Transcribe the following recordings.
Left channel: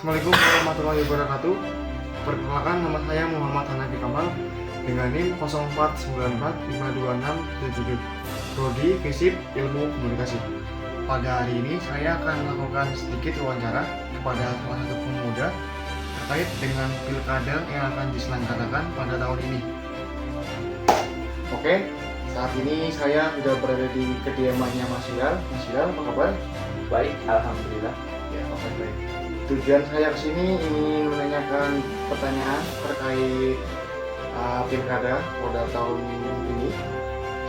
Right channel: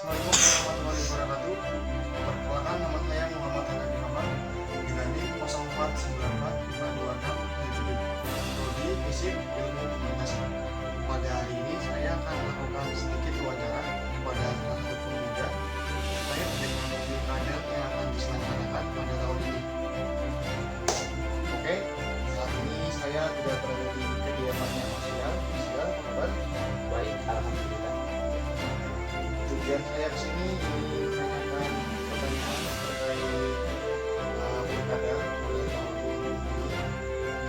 Assalamualaikum warahmatullahi wabarakatuh. Perkenalkan, nama saya Muhammad Hanafi Kamal dengan NIM 04945267. Prodi Fisip Ilmu Komunikasi. Pada hari ini saya akan melakukan sedikit wawancara kepada salah satu pemuda terkait dengan pilkada yang akan diselenggarakan pada tahun ini. Oke, saat ini saya sudah berada di kediamannya Mas Hilal. Mas Hilal, apa kabar? Baik, alhamdulillah. Tujuan saya kesini ingin menanyakan pertanyaan terkait pilkada pada tahun ini.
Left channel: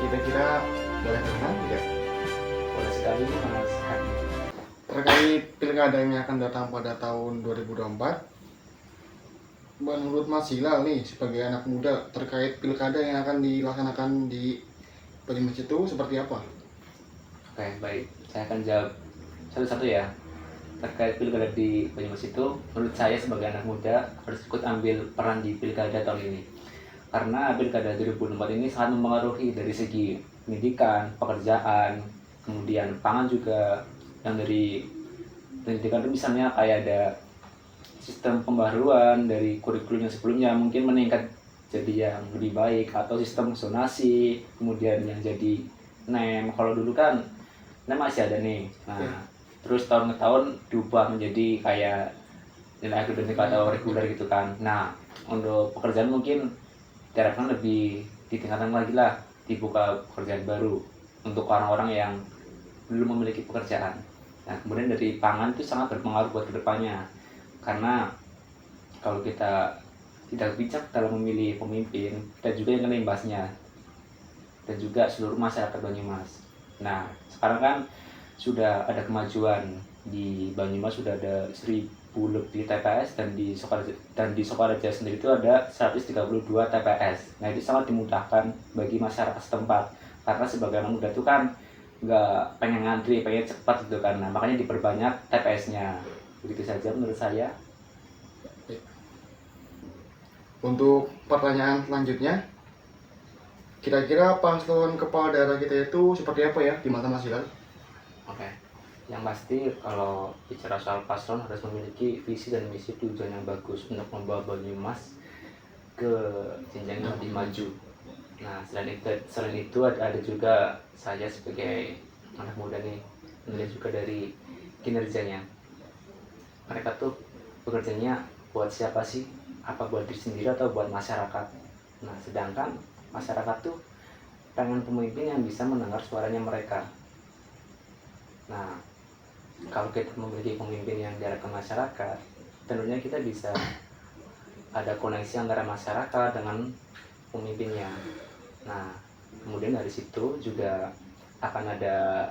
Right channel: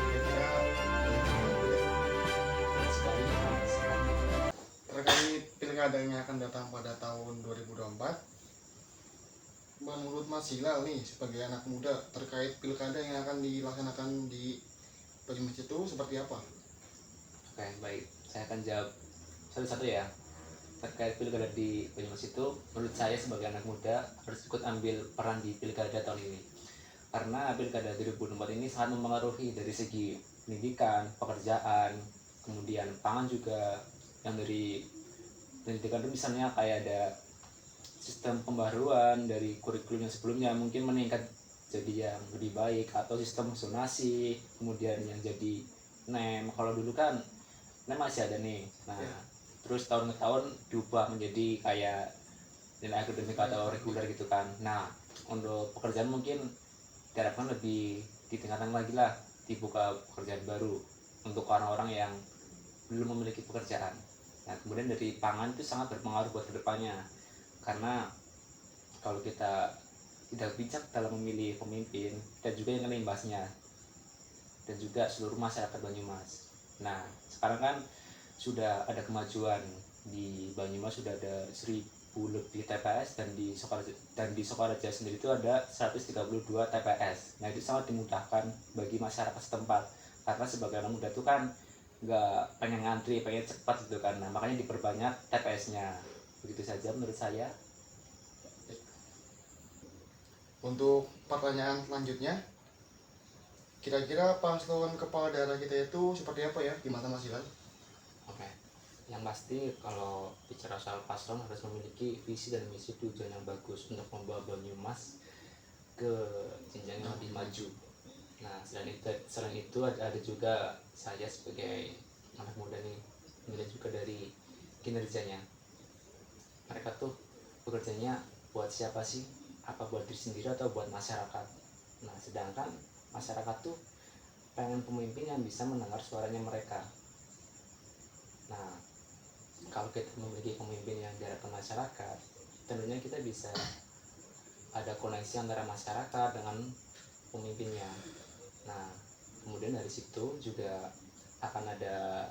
Kira-kira boleh bertanya ya? Senang sekali, senang sekali. Terkait pilkada yang akan datang pada tahun 2024. Menurut Mas Hilal nih sebagai anak muda terkait pilkada yang akan dilaksanakan di Banyumas itu seperti apa? Oke, baik. Saya akan jawab satu-satu ya. Terkait pilkada di Banyumas itu, menurut saya sebagai anak muda harus ikut ambil peran di pilkada tahun ini. Karena pilkada 2024 ini sangat mempengaruhi dari segi pendidikan, pekerjaan, kemudian pangan juga. Yang dari pendidikan itu misalnya kayak ada sistem pembaruan dari kurikulum yang sebelumnya mungkin meningkat jadi yang lebih baik, atau sistem zonasi, kemudian yang jadi NEM. Kalau dulu kan NEM masih ada nih. Nah, terus tahun ke tahun diubah menjadi kayak nilai akademik atau reguler gitu kan. Nah, untuk pekerjaan mungkin diharapkan lebih ditingkatkan lagi lah, dibuka pekerjaan baru untuk orang-orang yang belum memiliki pekerjaan. Nah, kemudian dari pangan itu sangat berpengaruh buat kedepannya, karena kalau kita tidak bijak dalam memilih pemimpin, dan juga yang kena imbasnya, dan juga seluruh masyarakat Banyumas. Nah, sekarang kan sudah ada kemajuan di Banyumas, sudah ada 1000 lebih TPS, dan di Sokaraja sendiri itu ada 132 TPS. Nah, itu sangat dimudahkan bagi masyarakat setempat, karena sebagai anak muda itu kan nggak pengen ngantri, pengen cepat gitu kan. Nah, makanya diperbanyak TPS-nya. Begitu saja menurut saya. Untuk pertanyaan selanjutnya, kira-kira paslon kepala daerah kita itu seperti apa ya di mata Mas Hilal? Oke, yang pasti kalau bicara soal paslon harus memiliki visi dan misi tujuan yang bagus untuk membawa Banyumas ke jenjang yang lebih maju. Nah, selain itu ada juga saya sebagai anak muda nih melihat juga dari kinerjanya. Mereka tuh bekerjanya buat siapa sih? Apa buat diri sendiri atau buat masyarakat? Nah, sedangkan masyarakat tuh pengen pemimpin yang bisa mendengar suaranya mereka. Nah, kalau kita memiliki pemimpin yang diarahkan masyarakat, tentunya kita bisa ada koneksi antara masyarakat dengan pemimpinnya. Nah, kemudian dari situ juga akan ada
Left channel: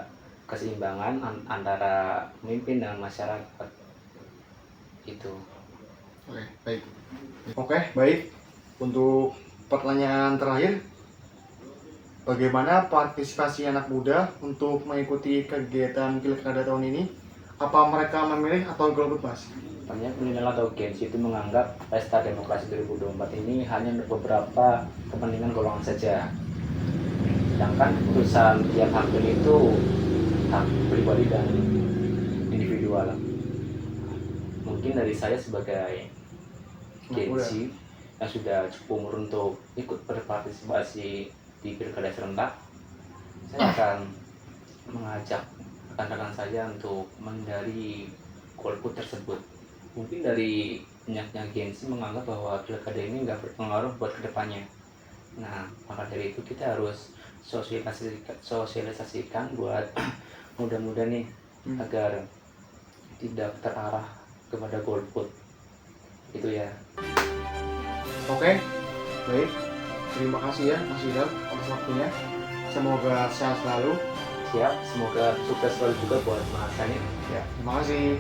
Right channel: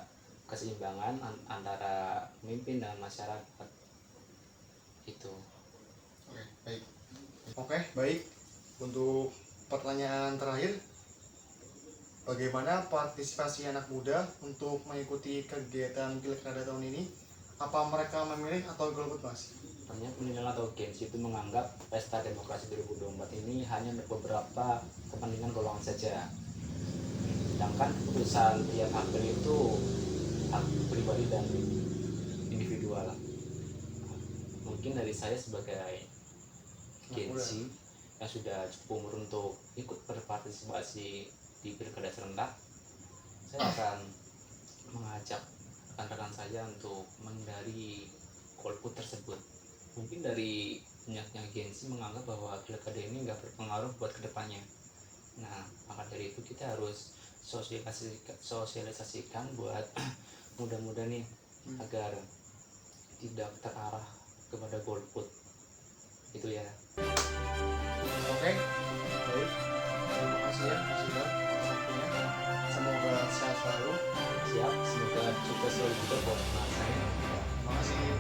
keseimbangan antara pemimpin dan masyarakat. Itu. Oke, baik. Untuk pertanyaan terakhir, bagaimana partisipasi anak muda untuk mengikuti kegiatan pilkada tahun ini? Apa mereka memilih atau golput, Mas? Banyak milenial atau Gen Z itu menganggap pesta demokrasi 2024 ini hanya untuk beberapa kepentingan golongan saja. Sedangkan keputusan tiap hakim itu hak pribadi dan individual. Mungkin dari saya sebagai Gen Z yang sudah cukup umur untuk ikut berpartisipasi di pilkada serentak, saya akan mengajak rekan-rekan saya untuk menghindari golput tersebut. Mungkin dari banyaknya Gen Z menganggap bahwa pilkada ini nggak berpengaruh buat kedepannya. Nah, maka dari itu kita harus sosialisasikan buat muda-muda nih agar tidak terarah kepada golput. Itu ya. Oke, baik. Terima kasih ya Mas Hilal atas waktunya. Semoga sehat selalu. Siap, semoga sukses selalu juga buat mas saya. Ya. Terima kasih.